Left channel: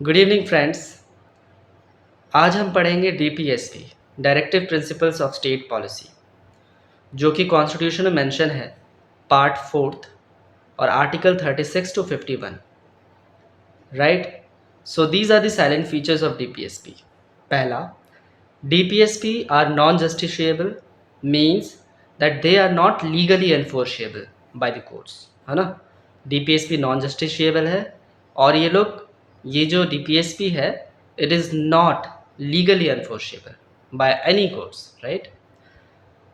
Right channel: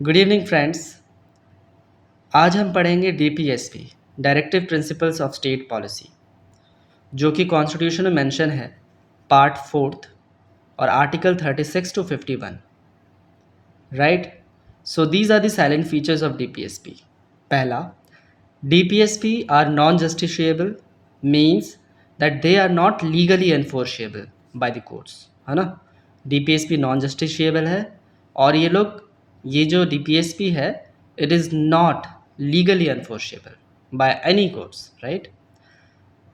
Good evening friends. आज हम पढ़ेंगे DPSP, directive principles of state policy, जो कि कॉन्स्टिट्यूशन में मेंशन है पार्ट फोर्थ और article 36 to 51, right. So these are the salient features of DPSP. पहला, DPSP are non justiciable, means that they are not legally enforceable by the courts, है ना। DPSP non justiciable है और ये जो DPSP है, it is not legally enforceable by any courts, right.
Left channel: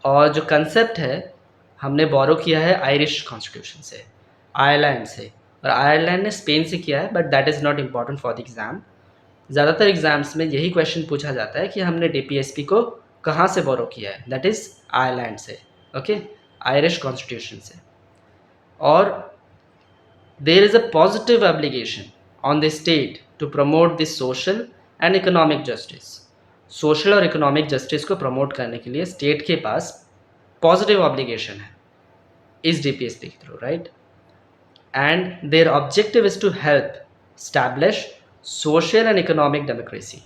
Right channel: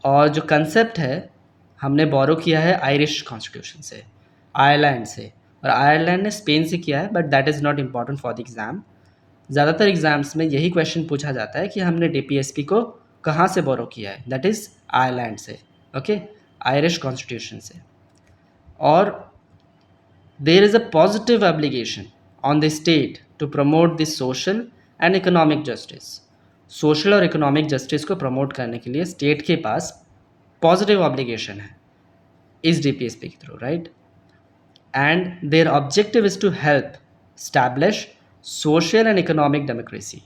और जो कंसेप्ट है, हमने बोरो किया है आयरिश कॉन्स्टिट्यूशन से, आयरलैंड से, और आयरलैंड ने स्पेन से किया है, but that is not important for the exam. ज़्यादातर एग्जाम्स में यही क्वेश्चन पूछा जाता है कि हमने डीपीएसपी को कहाँ से बोरो किया है, दैट इज़ आयरलैंड से, ओके, आयरिश कॉन्स्टिट्यूशन से। और there is a positive obligation on the state to promote the social and economic justice. Social और इकोनॉमिक जस्टिस को प्रमोट करने के लिए स्टेट के पास पॉजिटिव ऑब्लिगेशन है इस डीपीएसपी के थ्रू, right. And their objective is to help establish social and economic democracy.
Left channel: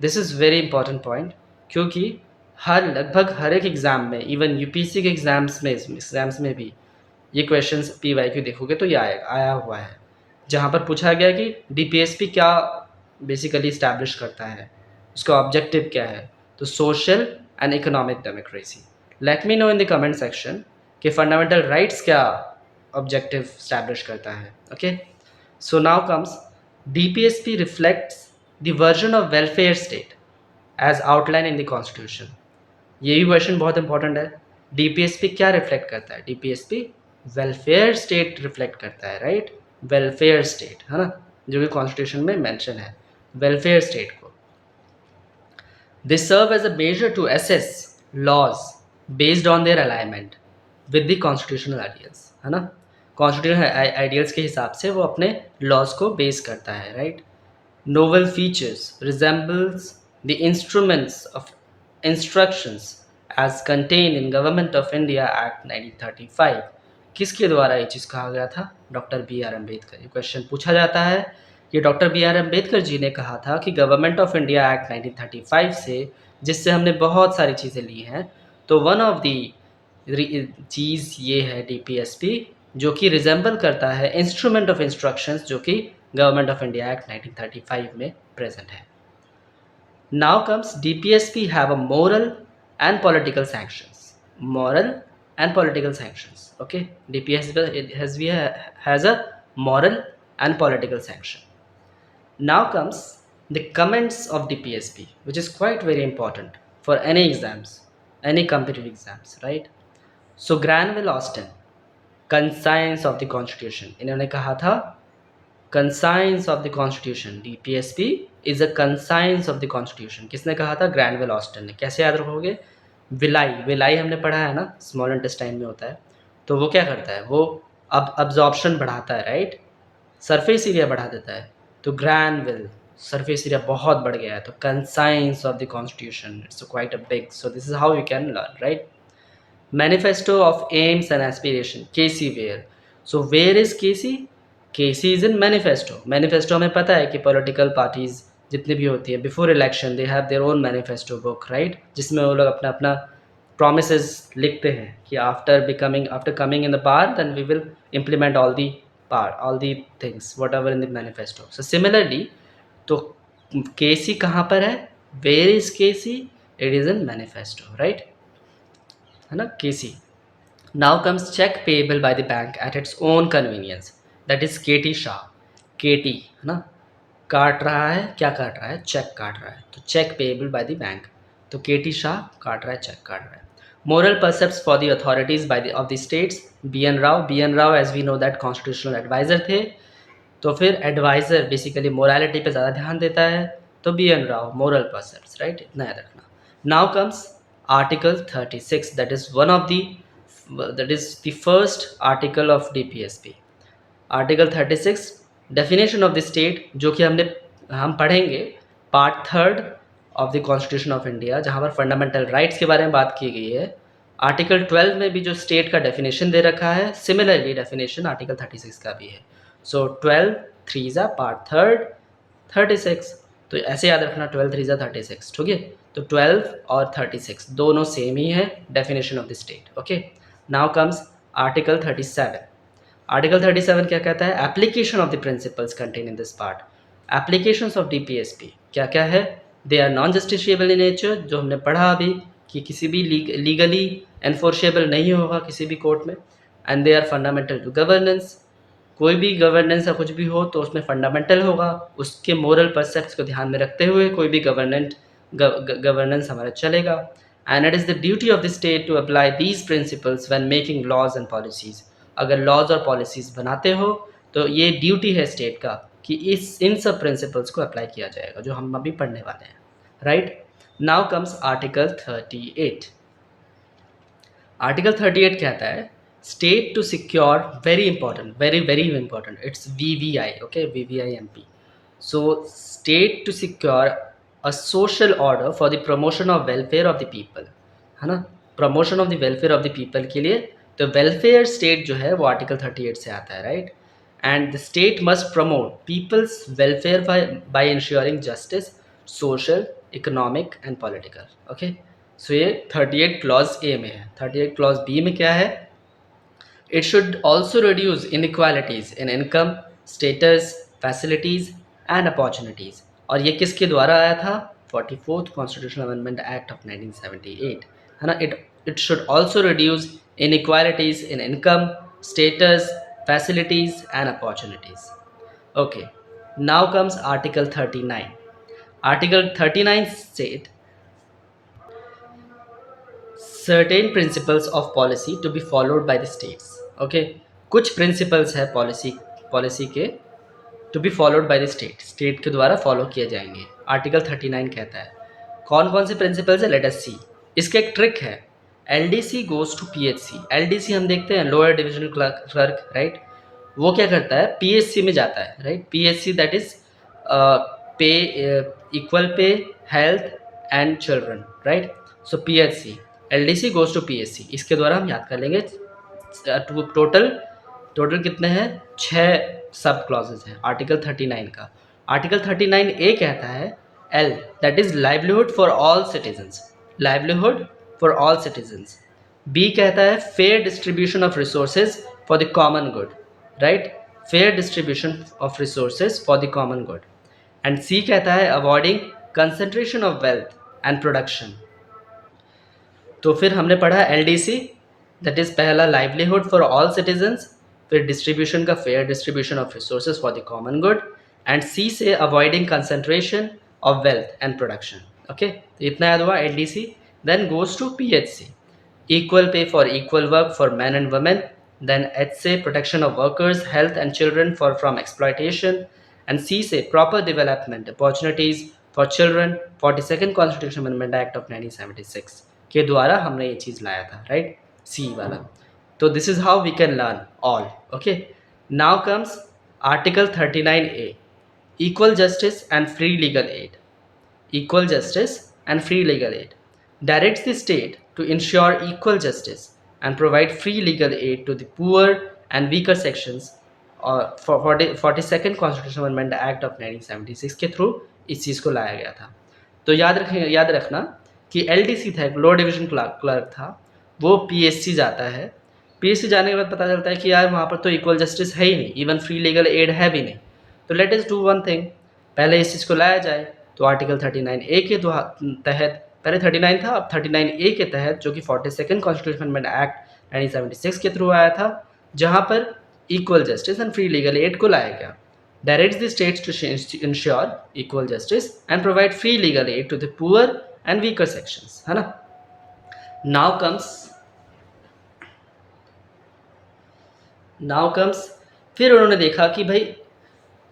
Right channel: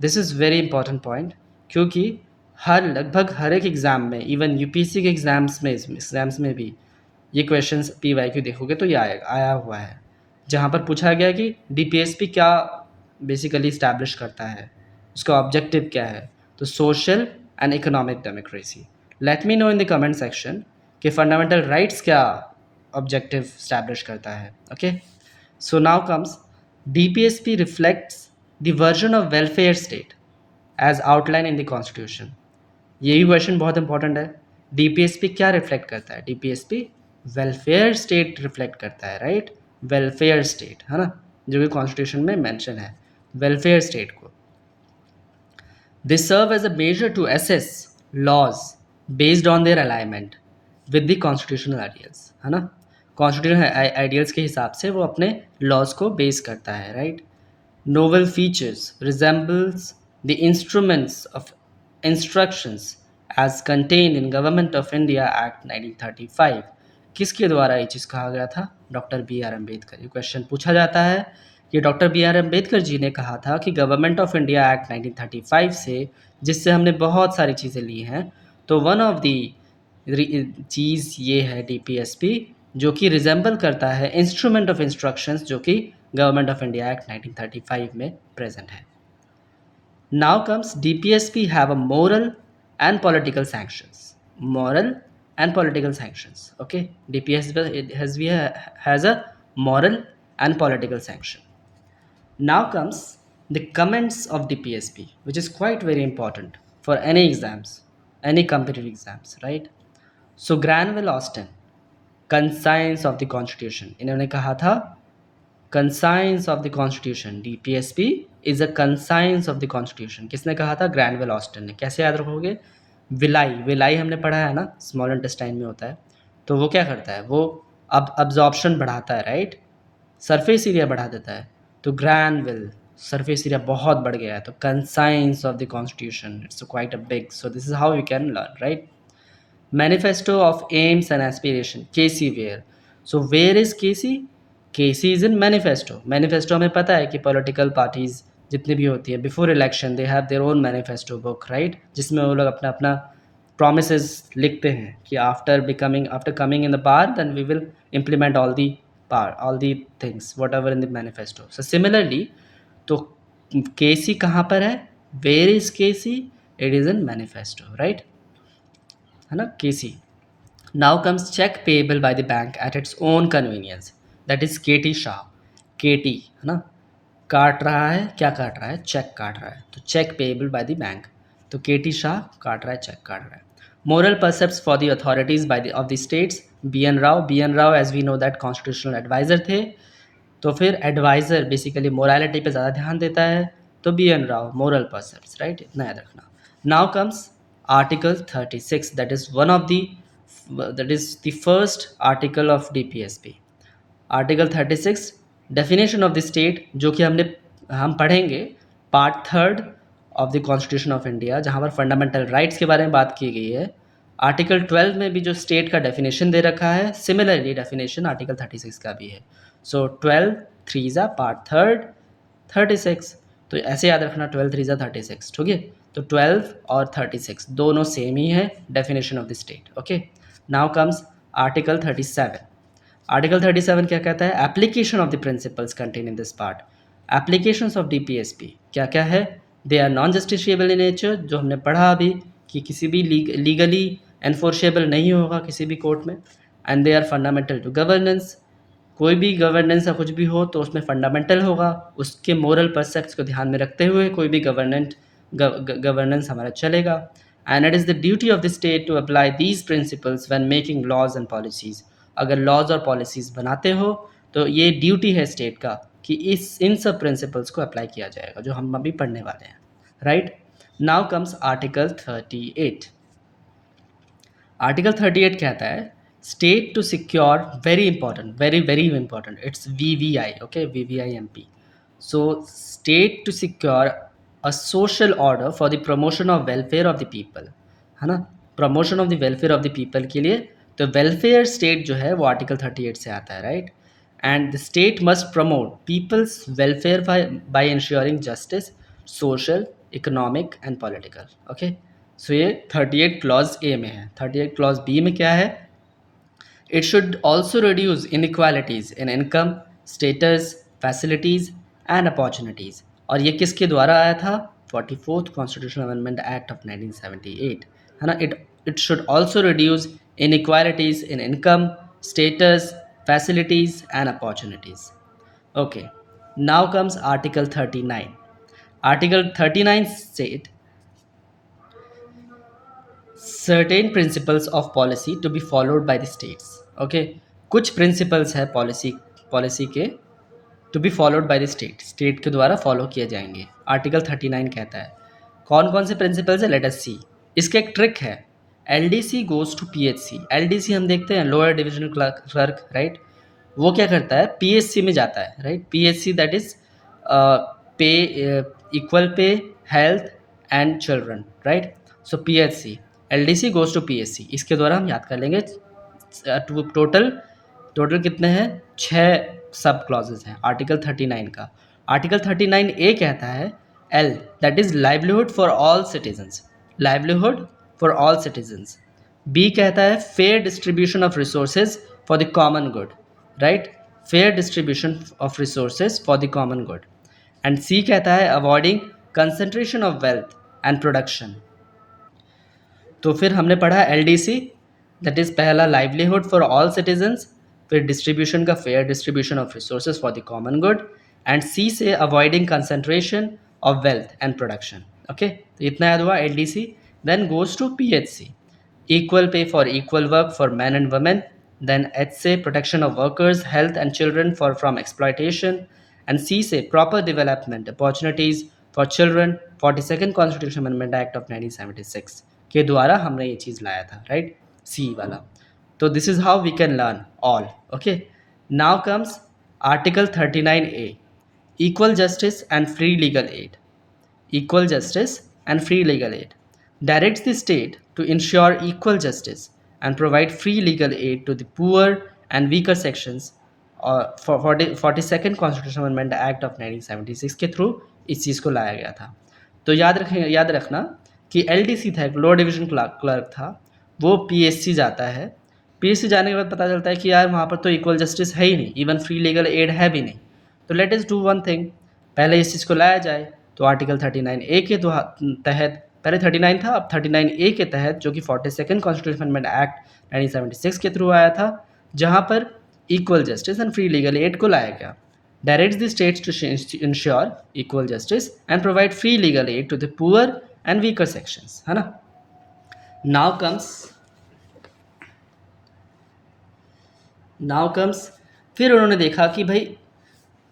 This is very important point, क्योंकि लगभग हर एक एग्ज़ाम में, इवन यूपीएससी के एग्ज़ाम्स में भी ये क्वेश्चंस पीवाईक्यू देखोगे तो ये आया हुआ है, जहाँ पर पूछा गया कि डीपीएसपी क्या बेसिकली इस्टेब्लिश करता है, उसका ऑब्जेक्टिव क्या है। तो social and economic democracy. Let me know in the comment section कि फंडामेंटल राइट्स क्या ऑब्जेक्टिव इस्टेब्लिश करता है, okay. So now comes DPSP reflects the version of welfare state as outline in the constitution. ये भी question बहुत important है। DPSP क्या reflect करता है? डीपीएसपी वेलफेयर स्टेट रिफ्लेक्ट करता है, राइट। वेलफेयर स्टेट, है ना, जो कि कॉन्स्टिट्यूशन में मेंशन है, वेलफेयर स्टेट को। They serve as a measure to assess laws based on their alignment with the constitutional ideals, है ना। कॉन्स्टिट्यूशनल आइडियल्स के हिसाब से वो अपने लॉज को बेस करता है, right. Novel features resembles the instruments of instructions as contained in Government of India Act 1935। किसके द्वारा ये चीज़ कहा गया था? Doctor B R Ambedkar. ये क्वेश्चन पूछा जाता है कि doctor B R Ambedkar ji ने कहा था कि गवर्नमेंट ऑफ इंडिया एक्ट 1935 से, जिससे हमने बहुत सारी चीज़ें ली हैं, तो वन ऑफ दी चीज़ ये है डीपीएसपी, जो कि रिजेंबल करता है इंस्ट्रूमेंट ऑफ इंस्ट्रक्शंस, जो कि गवर्नमेंट ऑफ इंडिया एक्ट 1935 में प्रेजेंट है। Now comes DPSP have a moral and political sanctions. Moral and political sanctions, okay. DPSP has a moral and political sanction. Now comes the comments of DPSP, which is quite very important for any exams, any competitive exams, right? So Granville Austin, conscience of the constitution, इन्होंने कहा था conscience of the constitution, DPSP is a conscience of the constitution। किसने कहा था? ग्रैनवेल Austin ने। कैसे याद रखोगे? विलाई हमने पढ़ा है ना, स्मॉल इंटेस्टाइन में होता है। तो वो क्या करता है? वो अब अब्जॉर्प्शन बढ़ाता है, राइट, सरफेस एरिया बढ़ा देता है। तो ग्रैनविल, सरफेस एरिया बहुत बढ़ गया है, तो conscience of the constitution, it's quite a big, so this is how you can learn, right. Manifesto of aims and aspiration, KC where. So where is KC? KC is in manifesto. Manifesto हमें पता है कि political parties जितनी भी होती है before election they have their own manifesto book, right, जिसमें वो लोग अपना अपना promises लिखते हैं कि after coming in the power, then we will implement all the things whatever in the manifesto। So similarly, तो केसी कहाँ पर है? Where is KC? It is in manifesto, right, है ना, केसी। Now comes check payable by the bank at its own convenience, that is केटी शाह। केटी, है ना, काट रहा है, क्या काट रहा है? चेक काट रहा है, तो cheque payable by the bank. तो केटी शाह काट रहा है, चेक काट रहा है। Moral precepts for the authorities by the of the states, B N Rau as we know that constitutional advisor थे। तो फिर एडवाइजर बेसिकली मोरालिटी पे ज़्यादा ध्यान देता है, तो B N Rau, moral precepts, right, इतना याद रखना। Now comes article 36, that is the first article of DPSP। Article 36 definition of the state, जो कि हम पढ़ेंगे part third of the constitution of India, जहाँ पर फंडामेंटल राइट्स के बारे में बात की गई है। आर्टिकल 12 में भी जो स्टेट का डेफिनेशन दे रखा है, सिमिलरली डेफिनेशन आर्टिकल 36 का भी है। सो 12 3 पार्ट थर्ड, 36। तो ऐसे याद रखना, 12 3 36, ठीक है। तो 12 और 36 दोनों सेम ही है definition of the state. Okay, now comes article 37। Article 37 क्या कहता है? Application of the principles contain in this part. Applications of DPSP क्या क्या है? They are non justiciable in nature, जो हमने पढ़ा अभी कि किसी भी लीगली एनफोर्सेबल नहीं होगा किसी भी कोर्ट में। And they are fundamental to governance, कोई भी गवर्नेंस या कुछ भी हो तो उसमें फंडामेंटल होगा, उसके मोरल परसेप्ट्स को ध्यान में रखते हुए कोई भी गवर्नेंस हमारा चलेगा। And it is the duty of the state to apply these principles when making laws and policies. अगर लॉज और पॉलिसीज़ बनाते हो तो ये ड्यूटी है स्टेट का कि इन सब प्रिंसिपल्स को अप्लाई किया जाएगा जो हम अभी पढ़ने वाले हैं। Right, now comes article 38। Article 38 कहता है state to secure, very important, very very important, it's VVI, okay, VVIMP. So state to secure a social order for the promotion of welfare of the people, है ना, promotion of the welfare of the people के लिए। तो welfare state जो है वो article 38 से आता है, right. And the state must promote people's welfare by ensuring justice, social, economic and political. Okay, so ये 38 क्लॉज ए में है। 38 क्लॉज बी में क्या है? It should also reduce inequalities in income, status, facilities and opportunities. और ये किसके द्वारा आया था? 44th constitutional amendment act of 1978, है ना। It should also reduce inequalities in income, status, facilities and opportunities. Okay, now comes article 39। Article 39 state certain principles of policy to be followed by the states। okay, कुछ principles है policy के to be followed by the state के द्वारा follow किए जाएंगे। Article 39 कहता है कौन कौन से प्रिंसिपल्स है, लेट अस सी। इसका एक ट्रिक है, LDC goes to PHC. LDC हम देखते हैं लोअर डिविजनल क्लर्क, राइट। वो क्या करता है? पीएचसी में जाता है, right. PHC that is pay, equal pay, health and children, right. So PHC, LDC goes to PHC, इसके द्वारा हम याद कर लेंगे। टोटल कितने हैं? 6 सब क्लॉजेज हैं आर्टिकल 39 का। आर्टिकल 39 ए कहता है L, that is livelihood for all citizens, livelihood for all citizens. B कहता है fair distribution of resources for the common good, right, fair distribution of resources for the common good. And C कहता है avoiding concentration of wealth and production. तो फिर हमने पढ़ा LDC, that is पहला livelihood for all citizens, फिर distribution का fair distribution of resources for the common good, and सी से avoiding concentration of wealth and production. Okay, तो इतना याद हुआ LDC. Then goes to PHC, equal pay for equal work for men and women. Then H say protection of workers, health and children from exploitation. And C say proper development opportunities for children, 42nd Constitution Amendment Act of 1976 के द्वारा हमने ये चीज़ लाया था, right, C वाला। तो this is how we can learn all. Okay, now comes article 39A, equal justice and free legal aid। equal justice and free legal aid directs the state to ensure equal justice and provide free legal aid to the poor and weaker sections for 42nd Constitutional Amendment Act of 1976 के through इस चीज़ को लाया गया था। तो याद रखना कि एलडीसी था, एक लो डिवीजन क्लर्क था, वो पीएससी जाता है। पीएससी जाने के बाद पता चलता है कि यार वहाँ पर तो इक्वल जस्टिस है ही नहीं, इवन फ्री लीगल एड है भी नहीं। तो let us do one thing, पहले इस चीज़ को लाया जाए। तो आर्टिकल 39A के तहत, पहले 39 था, अब 39A के तहत, जो कि 42nd कॉन्स्टिट्यूशन अमेंडमेंट एक्ट 1976 के थ्रू आया था, जहाँ पर equal justice and free legal aid को लाया गया। Directs the states to ensure equal justice and provide free legal aid to the poor and weaker sections, है ना। नाउ कम्स फिर उन्होंने देखा कि भाई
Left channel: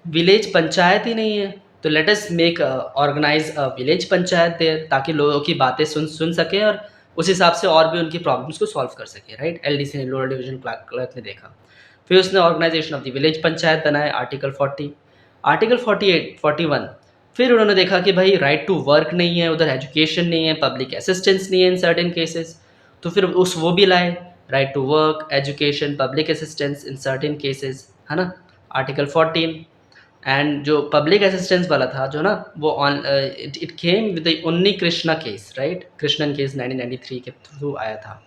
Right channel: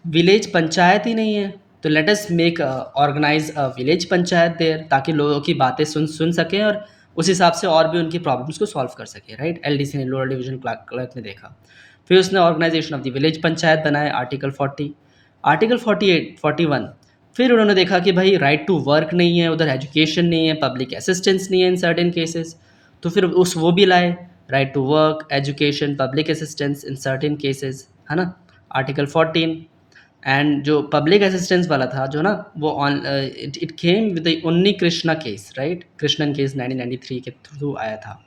विलेज पंचायत ही नहीं है, तो let us make organise a village panchayat there, ताकि लोगों की बातें सुन सकें और उस हिसाब से और भी उनकी प्रॉब्लम्स को सॉल्व कर सके, राइट। एलडीसी ने, लोअर डिवीजन क्लर्क ने देखा। फिर उसने organisation of the village panchayat बनाए, आर्टिकल 40। आर्टिकल 48 41 फिर उन्होंने देखा कि भाई राइट टू वर्क नहीं है, उधर एजुकेशन नहीं है, पब्लिक असिस्टेंस नहीं है इन सर्टेन केसेस, तो फिर वो भी लाए, right to work, education, public assistance in certain cases, है ना, आर्टिकल 14। एंड जो पब्लिक असिस्टेंस वाला था जो ना वो on it came with the Unni Krishna case, right, Krishnan case 1993 के थ्रू आया था।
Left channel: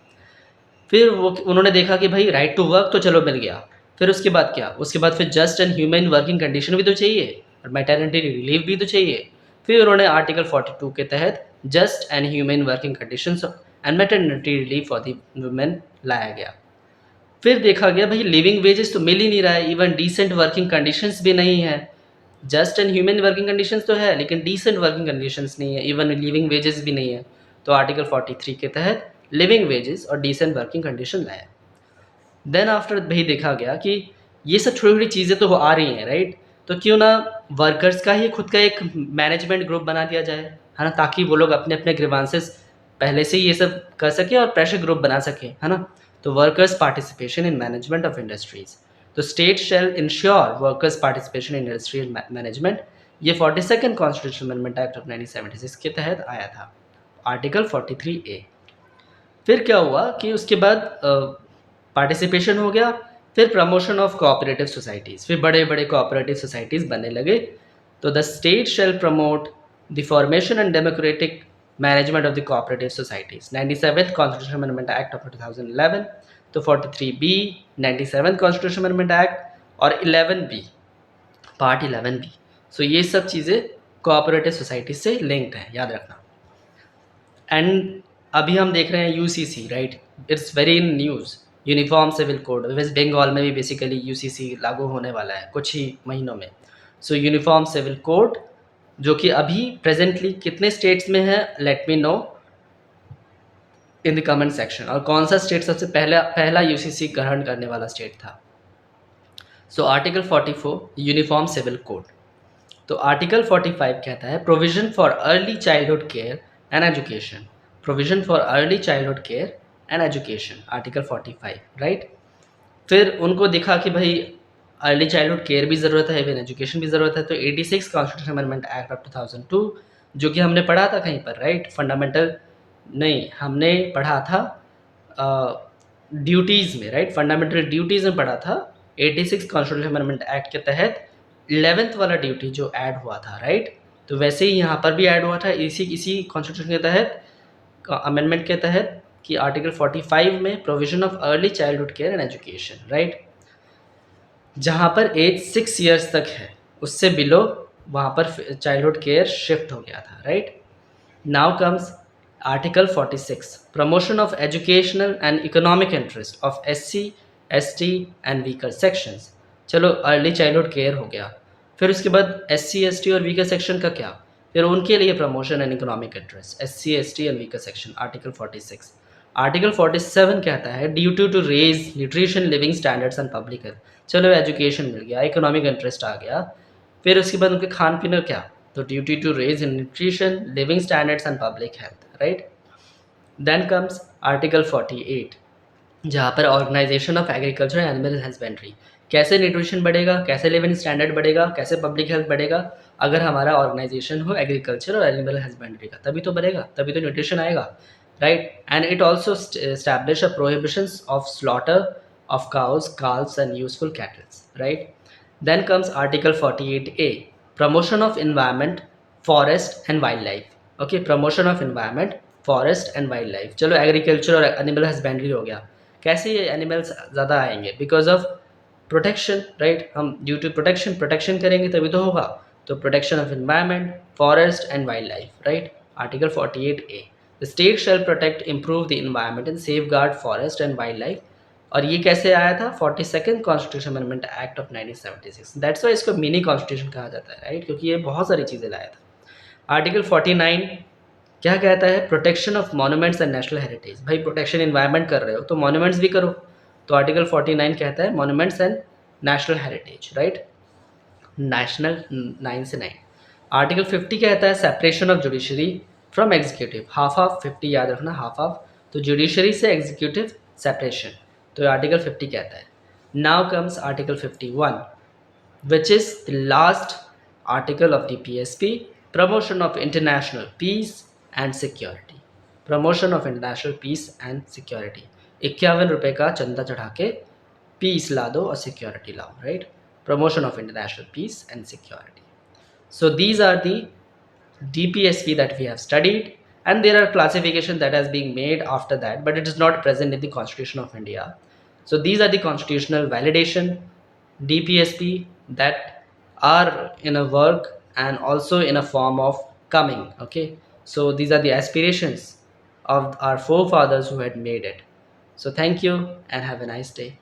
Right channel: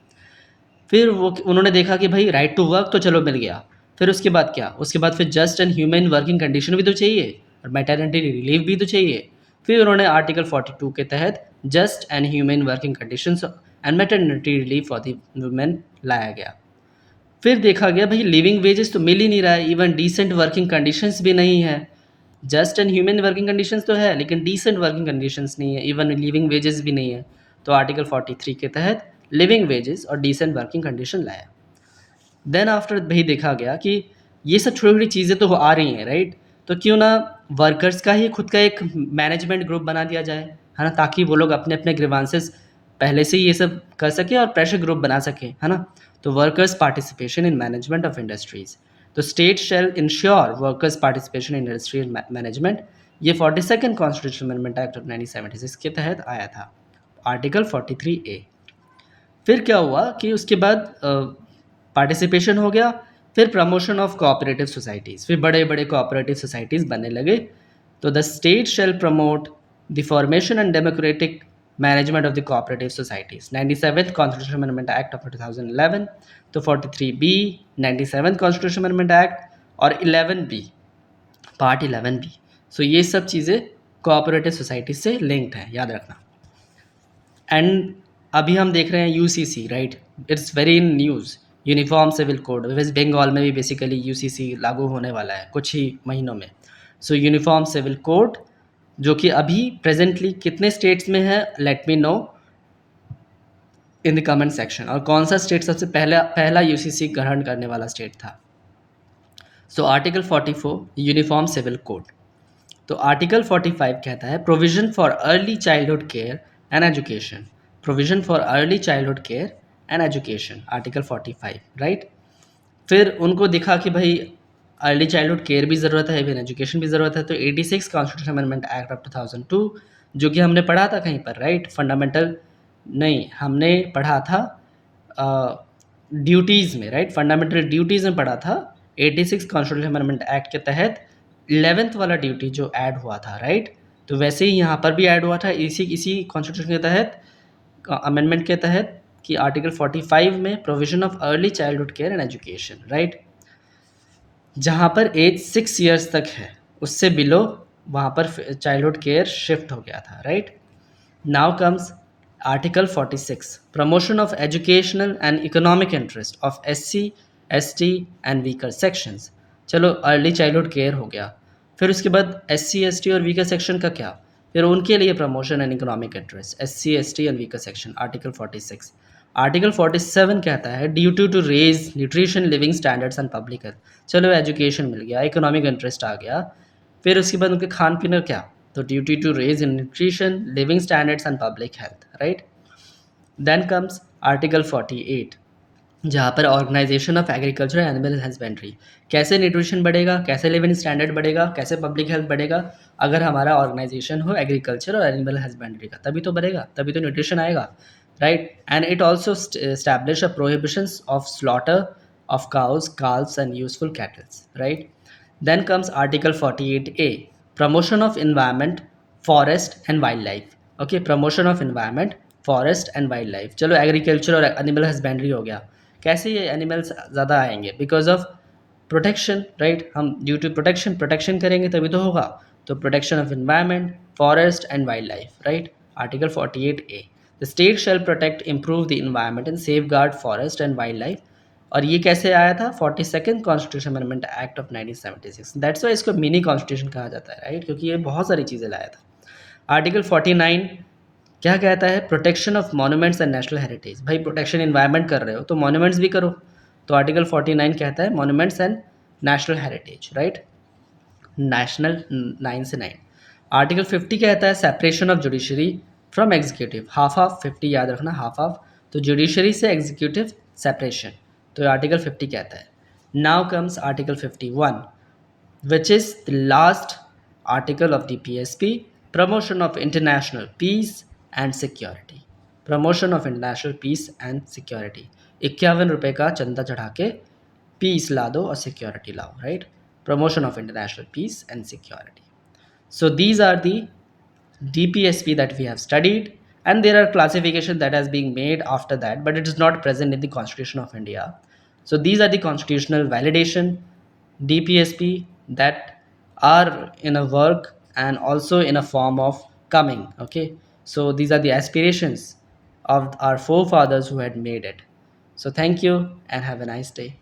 फिर वो उन्होंने देखा कि भाई राइट टू वर्क तो चलो मिल गया, फिर उसके बाद क्या, उसके बाद फिर just and human working condition भी तो चाहिए और मैटरनिटी रिलीव भी तो चाहिए। फिर उन्होंने आर्टिकल 42 के तहत just and human working conditions and maternity relieve for the women लाया गया। फिर देखा गया भाई लिविंग वेजेस तो मिल ही नहीं रहा है, इवन डिसेंट वर्किंग कंडीशंस भी नहीं है। Just and human working conditions तो है लेकिन डिसेंट वर्किंग कंडीशंस नहीं है, इवन लिविंग वेजेस भी नहीं है। तो आर्टिकल 43 के तहत लिविंग वेजेस और डिसेंट वर्किंग कंडीशन लाया। देन आफ्टर भाई देखा गया कि ये सब छोटी छोटी चीज़ें तो आ रही हैं, राइट, तो क्यों ना वर्कर्स का ही खुद का एक मैनेजमेंट ग्रुप बना दिया जाए, है ना, ताकि वो लोग अपने अपने ग्रीवांसेस पहले से ही ये सब कर सकें और प्रेशर ग्रुप बना सकें, है ना। तो workers participation in management of industries, तो state shall ensure workers participation in industrial management, ये 42nd constitution amendment act of 1976 के तहत आया था, आर्टिकल 43A। फिर क्या हुआ कि उसके बाद पार्टिसिपेशन हो गया, फिर प्रमोशन ऑफ कोऑपरेटिव सोसाइटीज़, फिर बड़े बड़े कोऑपरेटिव सोसाइटीज़ बनने लगे। तो the state shell promote the formation and democratic management of the cooperative societies, 97th constitution amendment act of 2011। तो 43B 97th constitution amendment act और 11B पार्ट 11B। सो ये सब चीज़ें कोऑपरेटिव सोसाइटी से लिंक्ड हैं, याद रखना। एंड अभी हम देख रहे हैं UCC, right, it's very in news, uniform civil code, West Bengal में भी बेसिकली यूसीसी लागू होने वाला है कुछ ही महीनों में। सो यूनिफॉर्म सिविल कोड जो कि अभी प्रेजेंटली कितने स्टेट्स में है, late me know in the comment section, और कौन सा स्टेट सबसे पहला पहला यूसीसी ग्रहण करने वाला स्टेट था। So article 44 uniform civil code. तो आर्टिकल 45 कहता है provision for early childhood care and education, provision for early childhood care and education, article 45, right. फिर उनको दिखा कि भाई अर्ली चाइल्डहुड केयर भी ज़रूरत है, इवन एजुकेशन भी ज़रूरत है, तो 86 कॉन्स्टिट्यूशन अमेंडमेंट एक्ट ऑफ 2002, जो कि हमने पढ़ा था कहीं पर, राइट, फंडामेंटल नहीं, हमने पढ़ा था ड्यूटीज़ में, राइट, फंडामेंटल ड्यूटीज़ में पढ़ा था। 86 कॉन्स्टिट्यूशन अमेंडमेंट एक्ट के तहत 11th वाला ड्यूटी जो ऐड हुआ था, राइट, तो वैसे ही यहाँ पर भी ऐड हुआ था इसी कॉन्स्टिट्यूशन के तहत, अमेंडमेंट के तहत, कि आर्टिकल 45 में provision of early childhood care and education, right, जहाँ पर एज 6 ईयर्स तक है, उससे बिलो वहाँ पर चाइल्डहुड केयर शिफ्ट हो गया था, right. Now comes article 46 promotion of educational and economic interest of SC ST and weaker sections. चलो अर्ली चाइल्डहुड केयर हो गया, फिर उसके बाद SC ST और वीकर सेक्शन का क्या, फिर उनके लिए promotion and economic interest SC ST and weaker section, article 46। Article 47 कहता है duty to raise nutrition living standards and public health, चलो एजुकेशन मिल गया, इकोनॉमिक इंटरेस्ट आ गया, फिर उसके बाद उनके खान पीन क्या, तो duty to raise in nutrition living standards and public health, right. Then comes article 48 जहाँ पर organisation of agriculture and animal husbandry, कैसे न्यूट्रिशन बढ़ेगा, कैसे लिविंग स्टैंडर्ड बढ़ेगा, कैसे पब्लिक हेल्थ बढ़ेगा, अगर हमारा ऑर्गेनाइजेशन हो एग्रीकल्चर और एनिमल हस्बेंड्री का, तभी तो बढ़ेगा, तभी तो न्यूट्रिशन आएगा, right. And it also establish a prohibitions of slaughter of cows, calves and useful cattle, right? Then comes Article 48A, promotion of environment, forest and wildlife. Okay, promotion of environment, forest and wildlife. चलो agriculture और animal husbandry हो गया, कैसे ये animals ज़्यादा आएंगे, because of protection, right, हम due to protection करेंगे तभी तो होगा, तो protection of environment, forest and wild life, right, article 48A। The state shell protect improve the environment and safe guard forest and wild life, और ये कैसे आया था, 42nd constitution amendment act of 1976, that's why इसको mini constitution कहा जाता है, right, क्योंकि ये बहुत सारी चीज़ें लाया था। आर्टिकल 49 क्या कहता है, protection of monuments and national heritage, भाई प्रोटेक्शन इन्वायरमेंट कर रहे हो तो मॉन्यूमेंट्स भी करो, तो आर्टिकल 49 कहता है monuments and national heritage, right, national 9 से 9। आर्टिकल 50 कहता है separation of judiciary from executive, half half 50 याद रखना, हाफ हाफ, तो जुडिशरी से एग्जीक्यूटिव सेपरेशन, तो आर्टिकल 50 कहता है। Now comes article 51 which is the last article of the PSP, promotion of international peace and security, promotion of international peace and security, 51 रुपये का चंदा चढ़ा के पीस ला दो और सिक्योरिटी लाओ, right. promotion of international peace and security. So these are the DPSP that we have studied, and there are classification that has been made after that, but it is not present in the Constitution of India. So these are the constitutional validation DPSP that are in a work and also in a form of coming. Okay, so these are the aspirations of our forefathers who had made it. So thank you and have a nice day.